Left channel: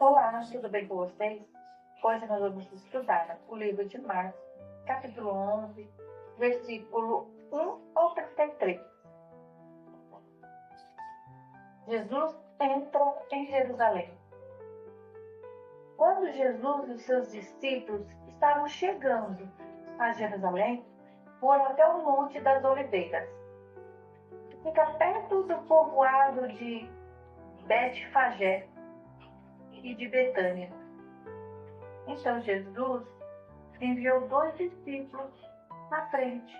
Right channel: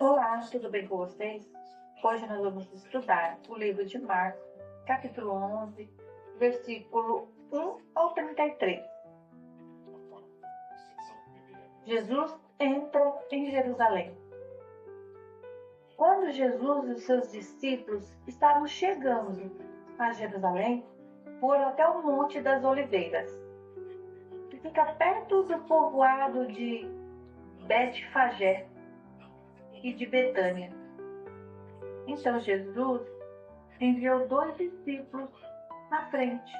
Olá, tudo bem com vocês? Hoje nós vamos estudar o livro de Marcos, capítulo 11, versículo 1 ao 33. Jesus entra em Jerusalém. Quando Jesus e os seus discípulos estavam chegando a Jerusalém, foram até o Monte das Oliveiras, que fica perto do povoado de Betfagé e de Betânia. Então Jesus enviou 2 discípulos na frente,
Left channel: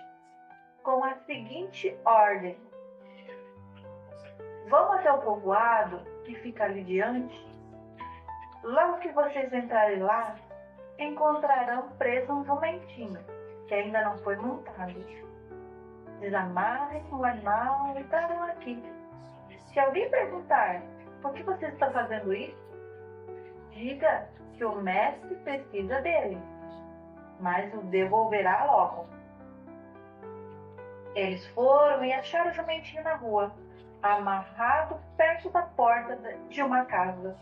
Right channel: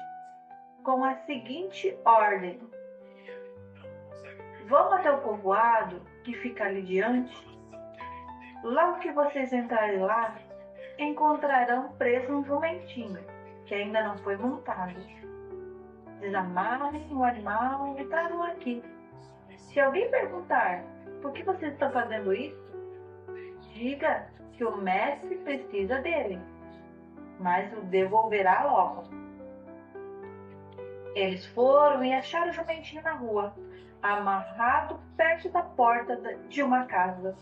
com a seguinte ordem: vão até o povoado que fica ali diante. Logo que vocês entrarem lá, encontrarão preso um jumentinho, que ainda não foi montado. Desamarrem o animal e tragam aqui. Se alguém perguntar por que vocês estão fazendo isso, diga que o mestre precisa dele, mas o devolverá logo. Eles foram e acharam o jumentinho na rua, amarrado perto da porta de uma casa.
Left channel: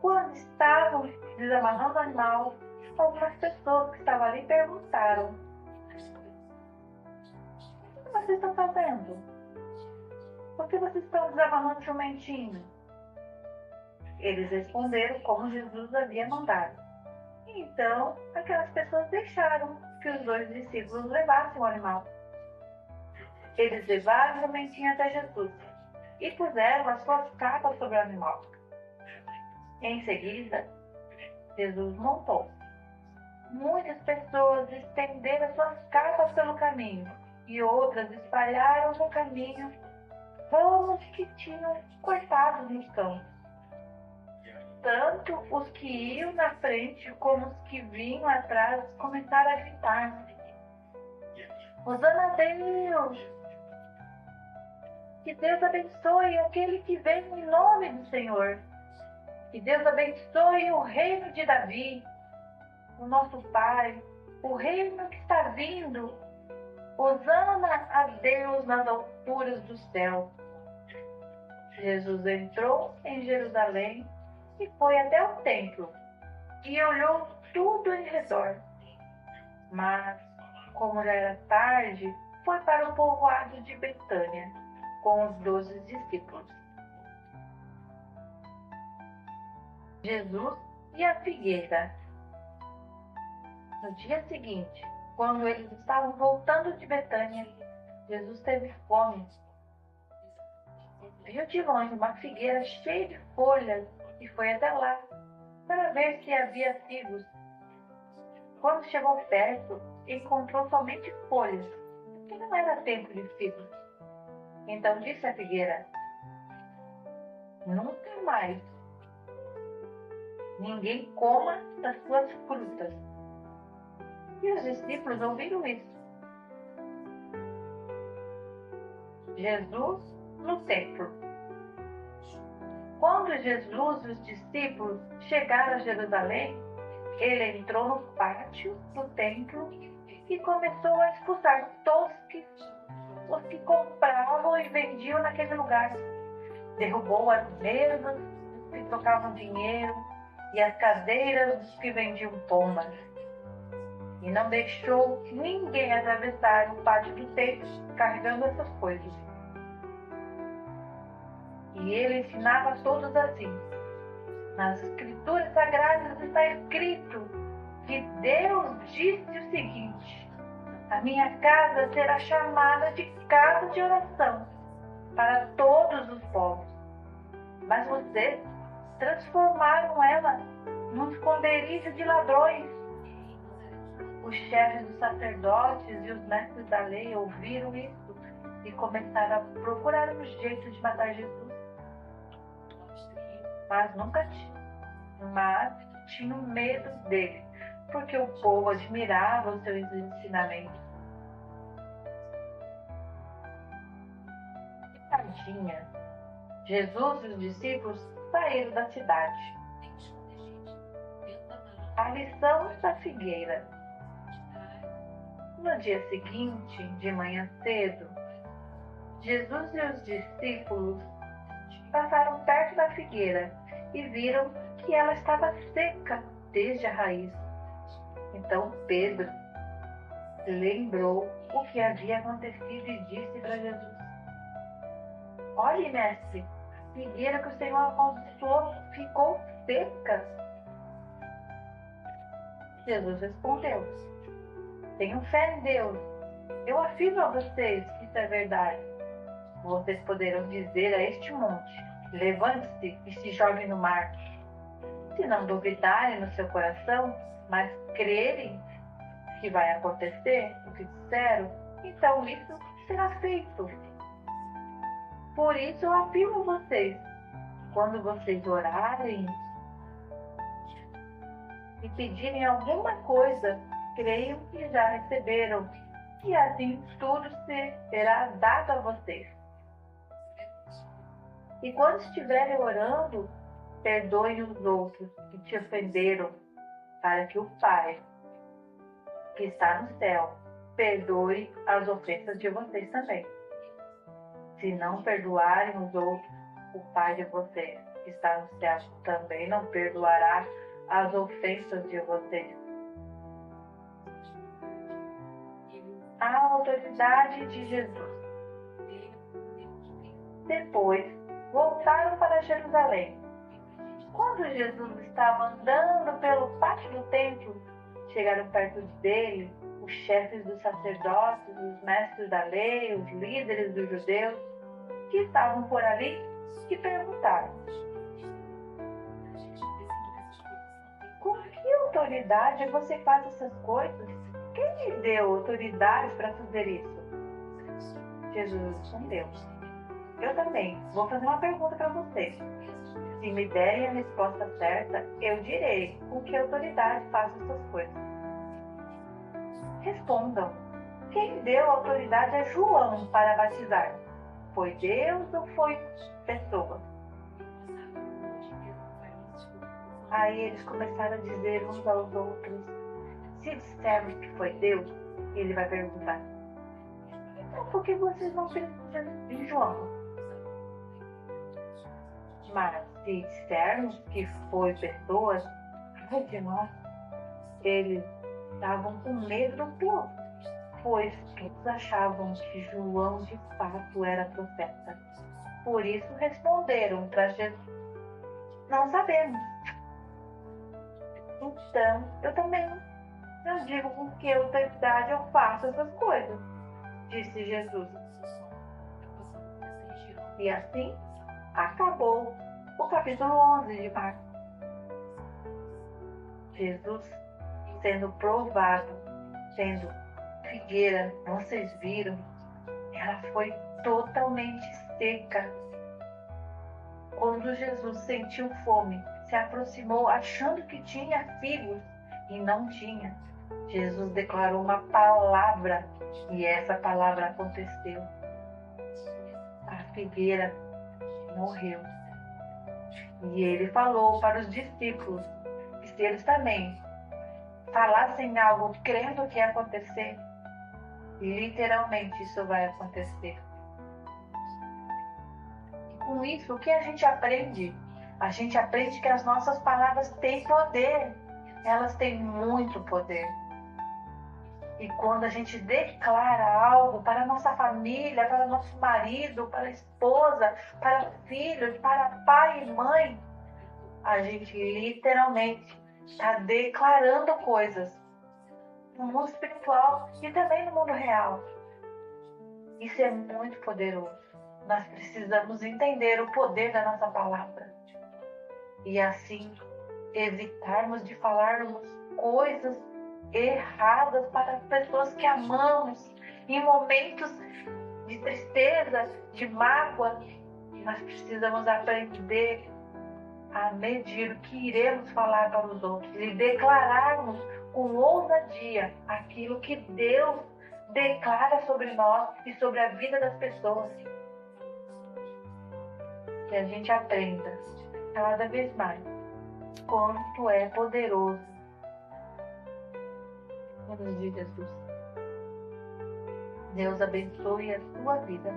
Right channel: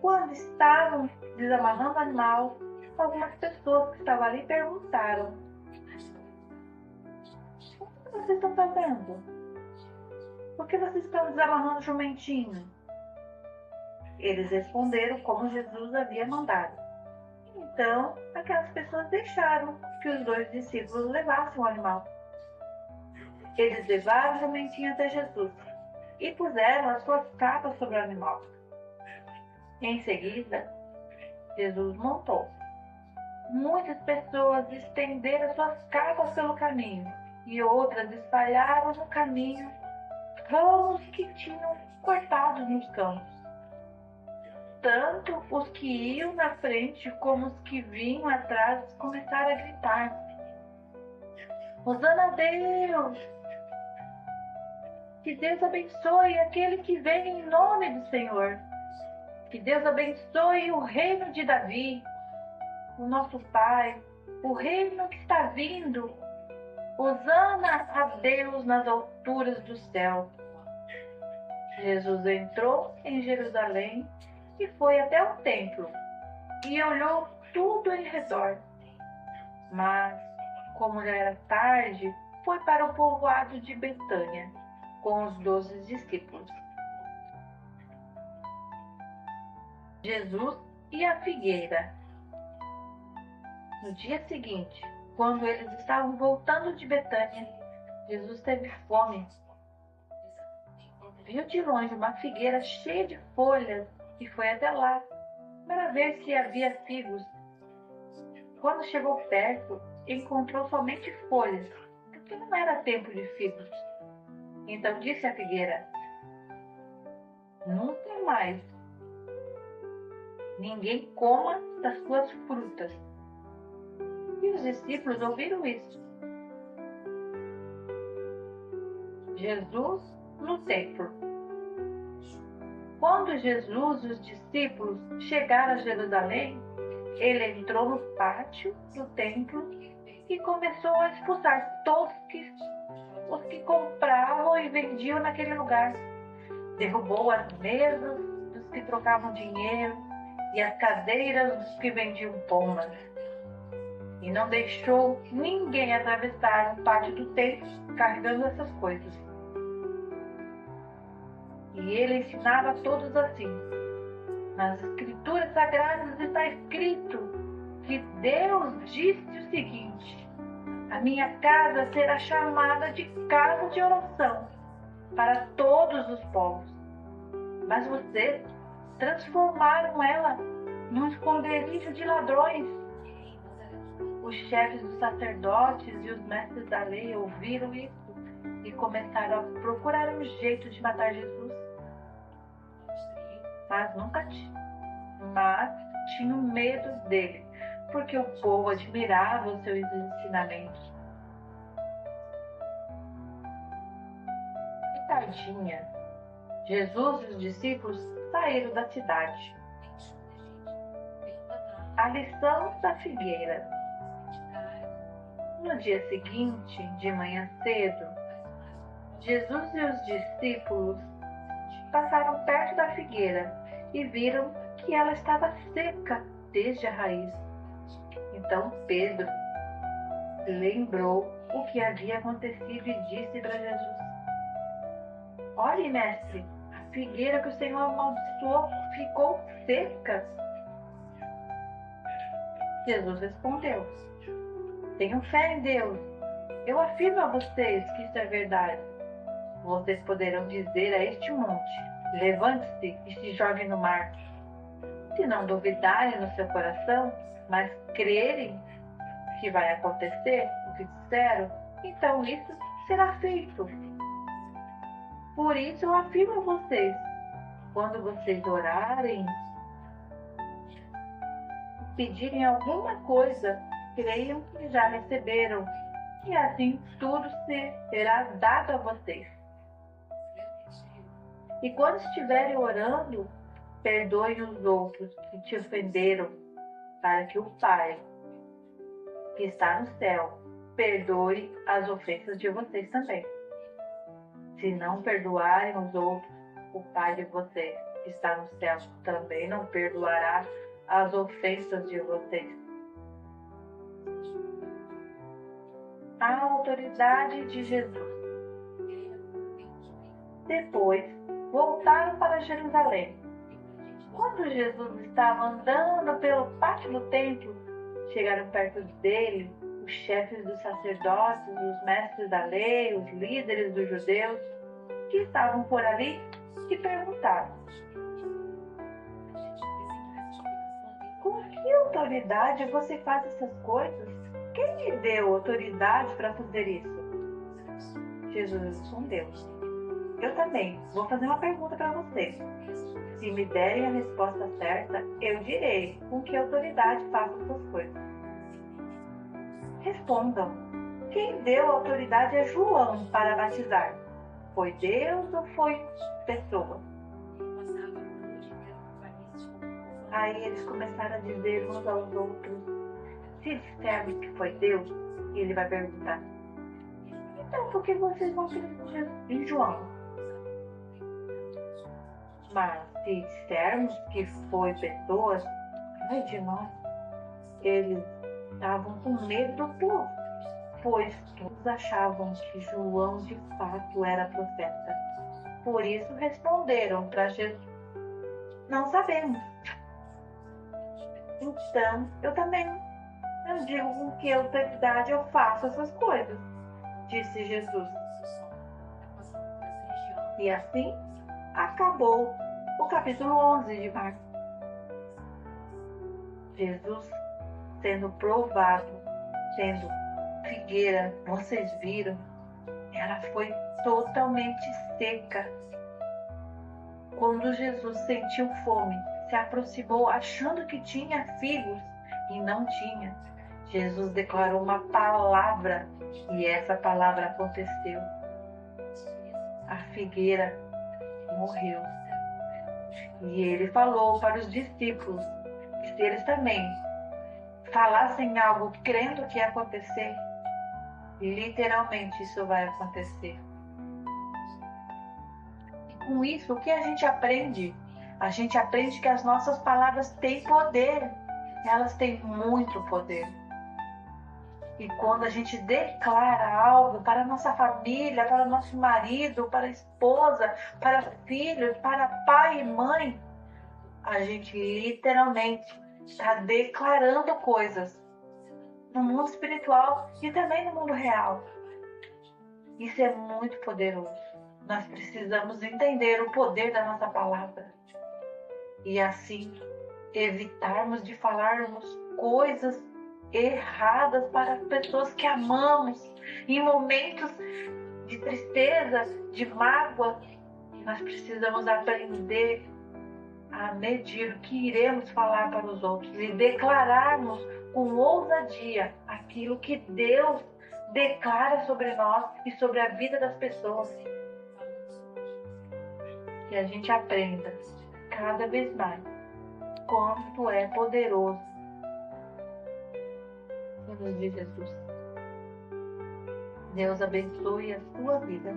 Quando estavam desamarrando o animal, algumas pessoas que estavam ali perguntaram: o que vocês estão fazendo? Por que vocês estão desamarrando o jumentinho? Eles responderam como Jesus havia mandado. Então, aquelas pessoas deixaram que os 2 discípulos levassem o animal. Eles levaram o jumentinho até Jesus e puseram as suas capas sobre o animal. Em seguida, Jesus montou. Muitas pessoas estenderam suas capas pelo caminho e outras espalharam no caminho ramos que tinham cortados nos campos. Tanto os que iam na frente como os que vinham atrás começaram a gritar: Hosana a Deus! Que Deus abençoe aquele que vem em nome do Senhor! Que Deus abençoe o reino de Davi, o nosso Pai, o reino que está vindo. Hosana a Deus nas alturas do céu. Jesus entrou em Jerusalém e foi até o templo e olhou tudo em redor. Mas, como já era tarde, foi para o povoado de Betânia com os 12 discípulos. Jesus e a figueira. No dia seguinte, quando eles estavam voltando de Betânia, Jesus teve fome. Viu de longe uma figueira cheia de folhas e foi até lá para ver se havia figos. Quando chegou perto, encontrou somente folhas, porque não era tempo de figos. Então disse à figueira: nunca mais ninguém coma das suas frutas. E os discípulos ouviram isso. Jesus no templo. Quando Jesus e os discípulos chegaram a Jerusalém, ele entrou no pátio do templo e começou a expulsar todos os que compravam e vendiam naquele lugar. Derrubou as mesas dos que trocavam dinheiro e as cadeiras dos que vendiam pombas. E não deixou ninguém atravessar o pátio do templo carregando essas coisas. E ele ensinava a todos assim: nas Escrituras Sagradas está escrito que Deus disse o seguinte: a minha casa será chamada de casa de oração para todos os povos. Mas vocês transformaram ela num esconderijo de ladrões. Os chefes dos sacerdotes e os mestres da lei ouviram isso e começaram a procurar um jeito de matar Jesus. Mas tinham medo dele, porque o povo admirava os seus ensinamentos. De tardinha, Jesus e os discípulos saíram da cidade. A lição da figueira. No dia seguinte, de manhã cedo, Jesus e os discípulos passaram perto da figueira e viram que ela estava seca desde a raiz. Então Pedro lembrou o que havia acontecido e disse para Jesus: Olhe, mestre, a figueira que o Senhor amaldiçoou ficou seca. Jesus respondeu: Tenham fé em Deus. Eu afirmo a vocês que isso é verdade. Vocês poderão dizer a este monte: levante-se e se jogue no mar. Se não duvidarem no seu coração, mas crerem que vai acontecer o que disseram, então isso será feito. Por isso eu afirmo a vocês: quando vocês orarem e pedirem alguma coisa, creiam que já receberam, e assim tudo será dado a vocês. E quando estiverem orando, perdoem os outros que te ofenderam, para que o Pai, que está no céu, perdoe as ofensas de vocês também. Se não perdoarem os outros, o Pai de vocês, que está no céu, também não perdoará as ofensas de vocês. A autoridade de Jesus. Depois, voltaram para Jerusalém. Quando Jesus estava andando pelo pátio do templo, chegaram perto dele os chefes dos sacerdotes, os mestres da lei, os líderes dos judeus, que estavam por ali, e perguntaram: Com que autoridade você faz essas coisas? Quem lhe deu autoridade para fazer isso? Jesus respondeu: Eu também vou fazer uma pergunta para vocês. Se me derem a resposta certa, eu direi com que autoridade faço essas coisas. Respondam: quem deu autoridade a João para batizar? Foi Deus ou foi pessoa? Aí eles começaram a dizer uns aos outros: se dissermos que foi Deus, ele vai perguntar: então por que vocês não acreditam em João? Mas se dissermos que foi pessoas, ai de nós. Eles estavam com medo do povo, pois todos achavam que João de fato era profeta. Por isso responderam para Jesus: não sabemos. Então eu também não digo com que autoridade eu faço essas coisas, disse Jesus. E assim acabou o capítulo 11 de Marcos. Jesus sendo provado, sendo figueira, vocês viram, ela foi totalmente seca. Quando Jesus sentiu fome, se aproximou achando que tinha figos e não tinha. Jesus declarou uma palavra e essa palavra aconteceu. A figueira morreu. E ele falou para os discípulos que se eles também falassem algo crendo que ia acontecer, literalmente isso vai acontecer. E com isso, o que a gente aprende? A gente aprende que as nossas palavras têm poder. Elas têm muito poder. E quando a gente declara algo para a nossa família, para o nosso marido, para a esposa, para filhos, para pai e mãe, a gente literalmente está declarando coisas no mundo espiritual e também no mundo real. Isso é muito poderoso. Nós precisamos entender o poder da nossa palavra e assim evitarmos de falarmos coisas erradas para as pessoas que amamos em momentos de tristeza, de mágoa. Nós precisamos aprender a medir o que iremos falar para os outros e declararmos com ousadia aquilo que Deus declara sobre nós e sobre a vida das pessoas. Que a gente aprenda cada vez mais quanto é poderoso o nome de Jesus. Deus abençoe a sua vida.